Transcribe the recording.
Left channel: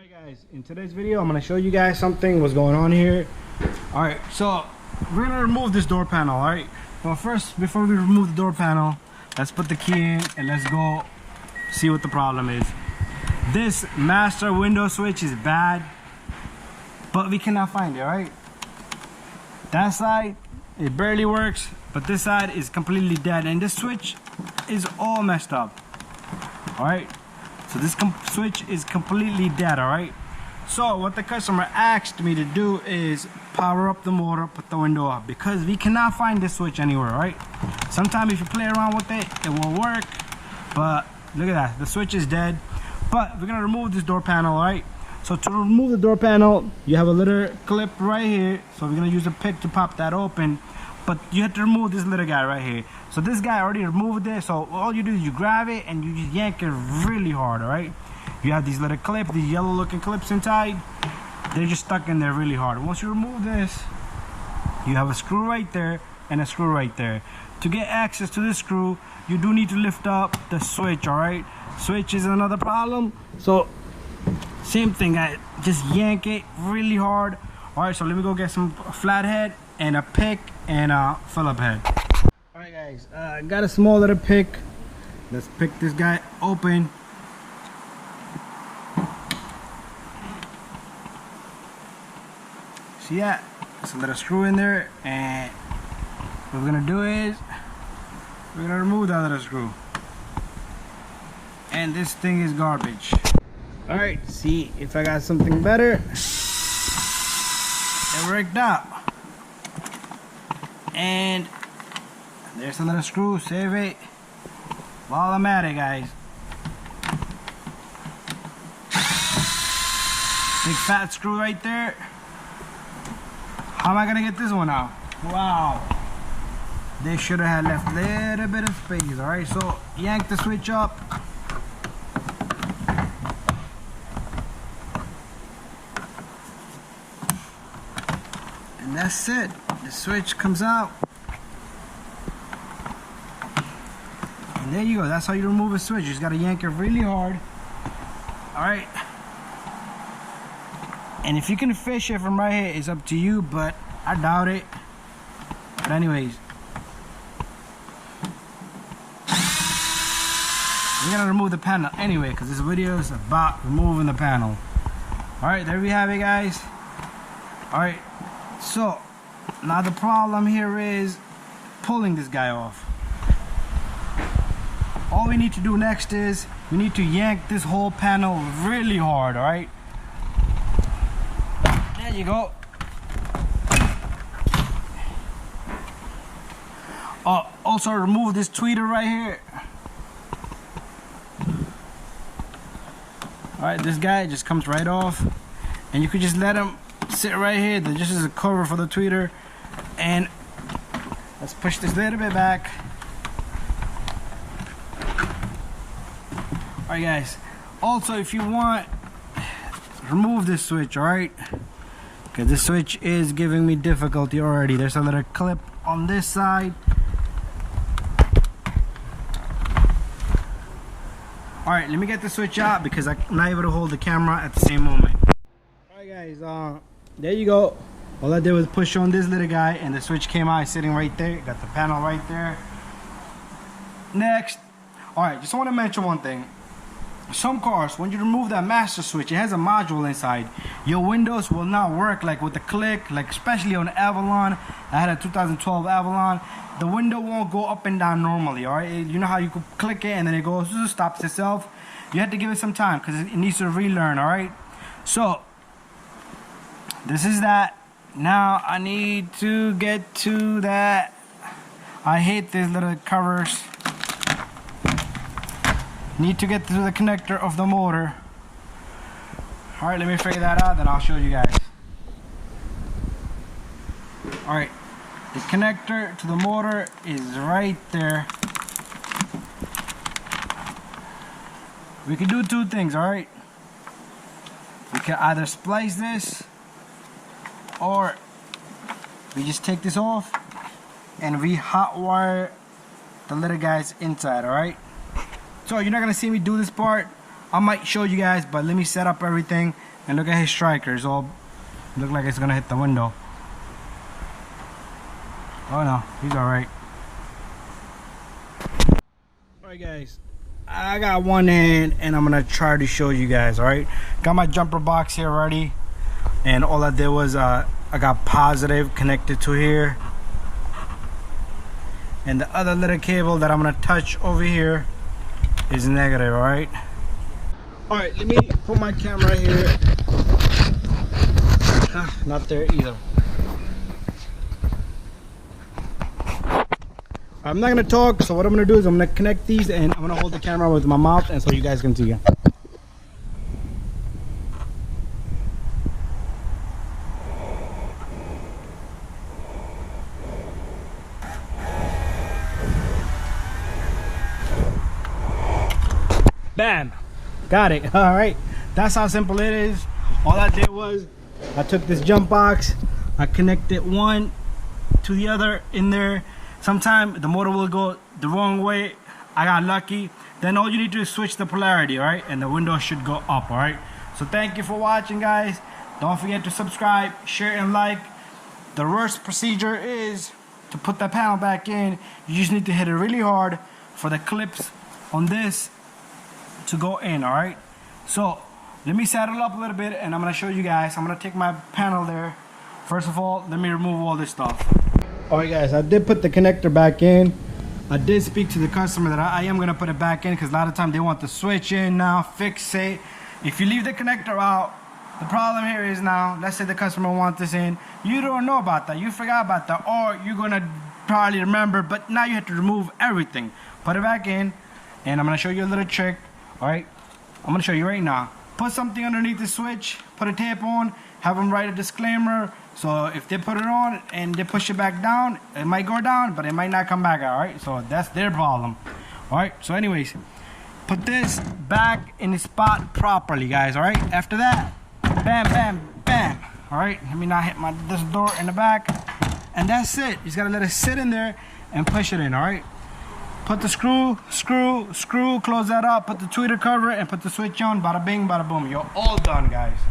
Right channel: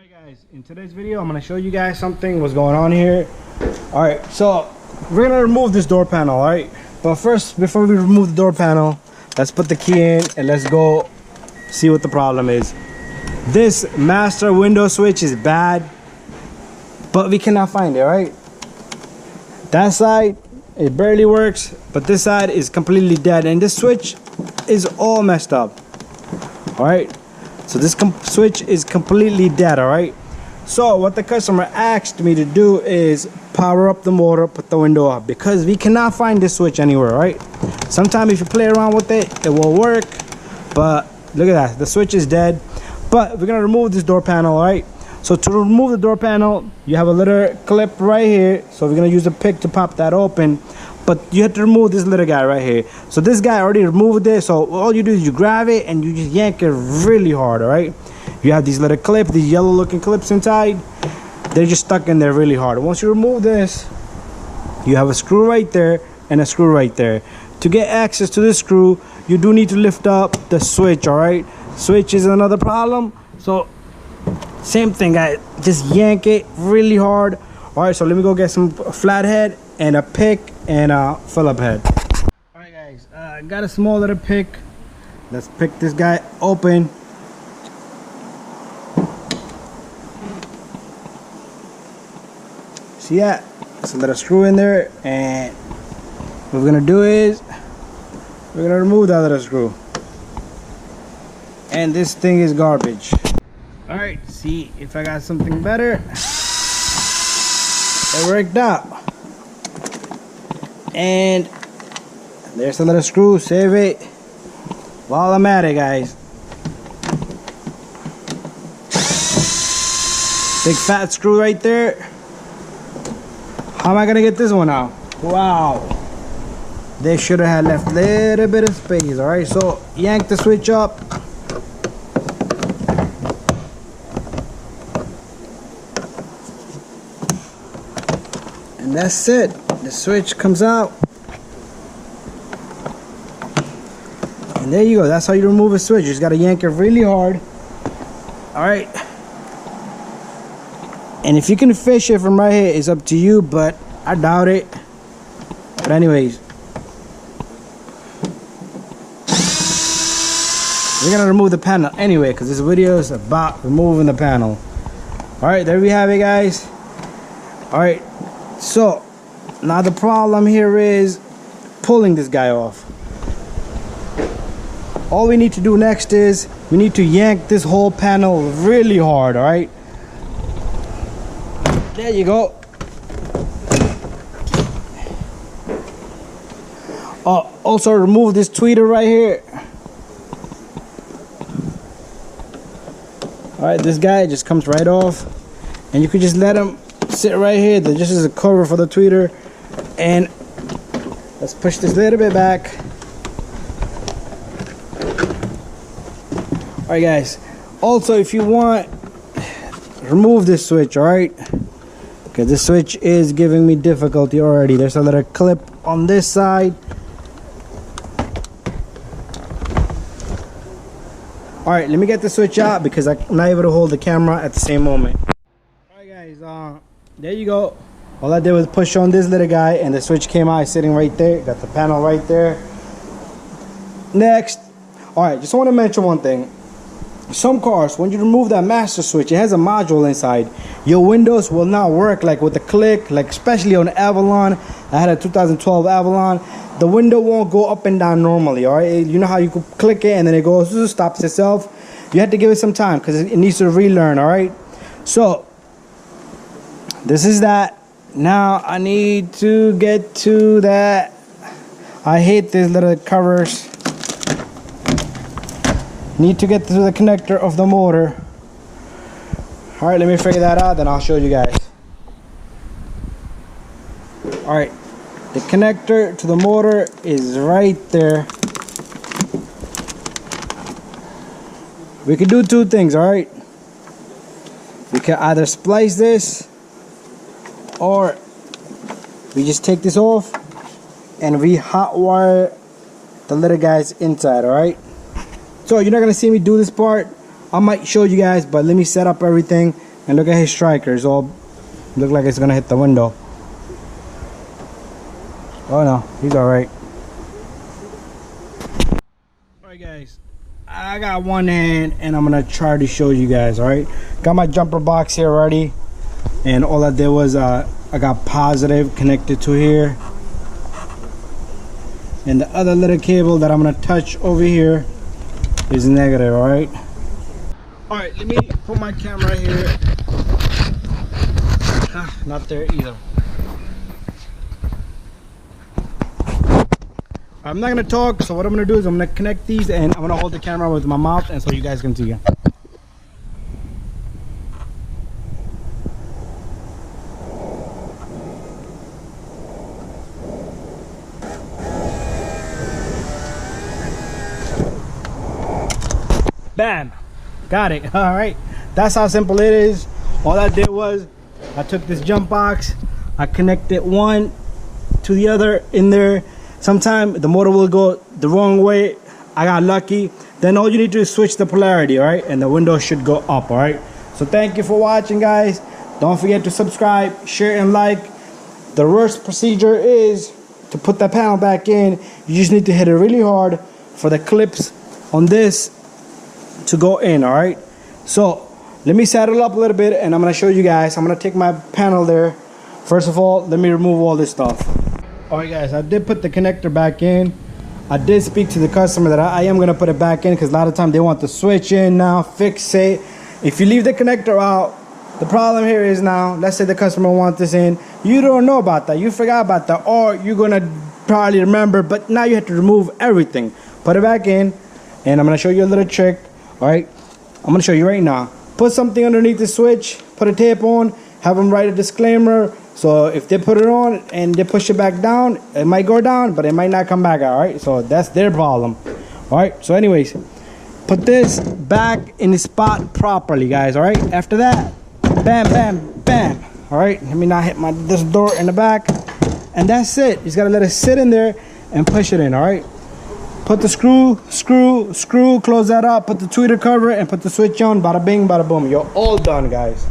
Alright guys, in today's video I'm going to show you guys something what's going on here. Alright, so we're going to remove this door panel, alright? But first, before we remove the door panel, let's put the key in and let's go see what the problem is. This master window switch is bad, but we cannot find it, alright? That side, it barely works, but this side is completely dead and this switch is all messed up. Alright? So this switch is completely dead, alright? So what the customer asked me to do is power up the motor, put the window up, because we cannot find this switch anywhere, right? Sometimes if you play around with it, it will work, but look at that, the switch is dead. But we're gonna remove this door panel, alright? So to remove the door panel, you have a little clip right here, so we're gonna use a pick to pop that open. But you have to remove this little guy right here. So this guy already removed it, so all you do is you grab it and you just yank it really hard, alright? You have these little clips, these yellow looking clips inside. They're just stuck in there really hard. Once you remove this, you have a screw right there and a screw right there. To get access to this screw, you do need to lift up the switch, alright? Switch is another problem, so same thing, guys. Just yank it really hard. Alright, so let me go get some flathead and a pick and a Phillip head. Alright guys, I got a small little pick. Let's pick this guy open. See that? There's a little screw in there, and what we're gonna do is we're gonna remove that little screw. And this thing is garbage. Alright, see if I got something better. It worked out. And there's a little screw, save it while I'm at it, guys. Big fat screw right there. How am I gonna get this one out? Wow, they should have had left a little bit of space. Alright, so yank the switch up. And that's it. The switch comes out. And there you go. That's how you remove a switch. You just gotta yank it really hard. Alright. And if you can fish it from right here, it's up to you, but I doubt it. But anyways, we're gonna remove the panel anyway, because this video is about removing the panel. Alright, there we have it, guys. Alright, so now the problem here is pulling this guy off. All we need to do next is we need to yank this whole panel really hard, alright? There you go. Also remove this tweeter right here. Alright, this guy just comes right off, and you could just let him sit right here. This is a cover for the tweeter. And let's push this a little bit back. Alright guys, also if you want, remove this switch, alright? Okay, this switch is giving me difficulty already. There's a little clip on this side. Alright, let me get the switch out because I'm not able to hold the camera at the same moment. Alright guys, there you go. All I did was push on this little guy and the switch came out, sitting right there. Got the panel right there. Next, alright, just want to mention one thing. Some cars, when you remove that master switch, it has a module inside. Your windows will not work like with the click, like especially on Avalon. I had a 2012 Avalon. The window won't go up and down normally, alright? You know how you could click it and then it goes, stops itself? You have to give it some time because it needs to relearn, alright? So, this is that. Now I need to get to that. I hate these little covers. Need to get to the connector of the motor. Alright, let me figure that out, then I'll show you guys. Alright, the connector to the motor is right there. We can do two things, alright? We can either splice this, or we just take this off and we hot wire the little guys inside, alright? So you're not gonna see me do this part, I might show you guys, but let me set up everything. And look at his strikers, all look like it's gonna hit the window. Oh no, he's all right. All right guys, I got one hand and I'm gonna try to show you guys. All right, got my jumper box here already, and all I did was I got positive connected to here, and the other little cable that I'm gonna touch over here is negative. All right, let me put my camera here. Not there either. I'm not gonna talk, so what I'm gonna do is I'm gonna connect these and I'm gonna hold the camera with my mouth, and so you guys can see it. Bam, got it. All right, that's how simple it is. All I did was I took this jump box, I connected one to the other in there. Sometimes the motor will go the wrong way. I got lucky. Then all you need to do is switch the polarity, all right? And the window should go up, all right? So thank you for watching, guys. Don't forget to subscribe, share, and like. The worst procedure is to put the panel back in. You just need to hit it really hard for the clips on this to go in, all right? So let me saddle up a little bit and I'm gonna show you guys. I'm gonna take my panel there. First of all, let me remove all this stuff. All right guys, I did put the connector back in. I did speak to the customer that I am gonna put it back in, because a lot of times they want the switch in now, fix it. If you leave the connector out, the problem here is now, let's say the customer wants this in, you don't know about that, you forgot about that, or you're gonna probably remember, but now you have to remove everything. Put it back in, and I'm gonna show you a little trick. All right, I'm gonna show you right now. Put something underneath the switch, put a tape on, have them write a disclaimer. So if they put it on and they push it back down, it might go down, but it might not come back. All right, so that's their problem. All right, so anyways, put this back in the spot properly, guys. All right, after that, bam, bam, bam. All right, let me not hit this door in the back, and that's it. You just gotta let it sit in there and push it in. All right, put the screw, close that up, put the tweeter cover, and put the switch on. Bada bing, bada boom. You're all done, guys.